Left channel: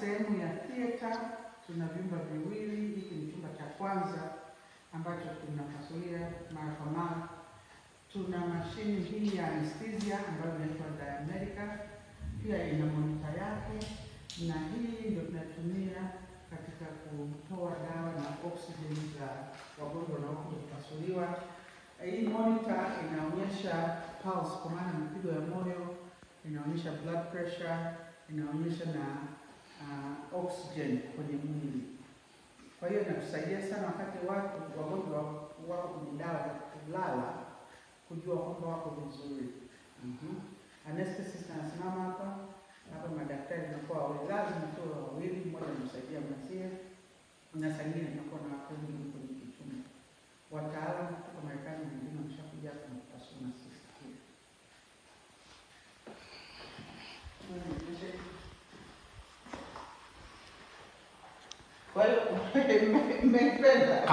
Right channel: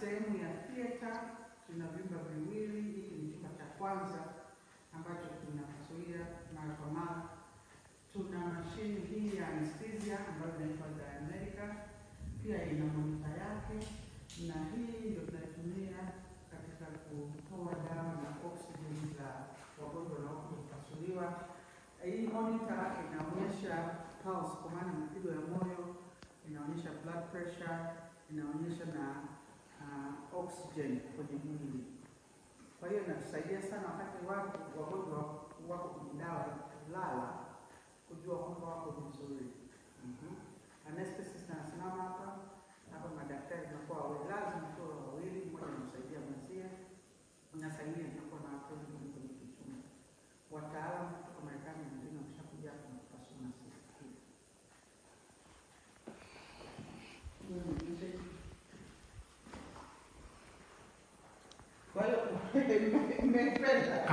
sehemu ya theater. Tuna vyumba viwili. Hiki ni chumba cha kwanza ambacho tunapasulia mara kwa mara. Tuna mashine hii ya anesthesia ambayo inaitwa Diamedica, pia ina monitor yake, na hii ndio tunatumia katika kutoa dawa na oksijeni za wagonjwa wanaokuja kupasuliwa. Hii monitor inaonyesha pulse, kwa maana mapigo ya moyo, inaonyesha blood pressure, inaonyesha na oxygen kwenye mwili. Kwa hiyo inatusaidia sana wakati wagonjwa wako kwenye dawa kulala, kujua kwamba wako vizuri. Anesthetist anasimama hapa, madaktari wanakuwa wawili, lazima tu wawili, mmoja anamsaidia mwenzie, na saa nyingine tunakuwa na watu wengi kwenye chumba. Wataalamu kutoka Marekani na wengine wameshakuja hapa na kupasua na sisi. Kwa hiyo mmependa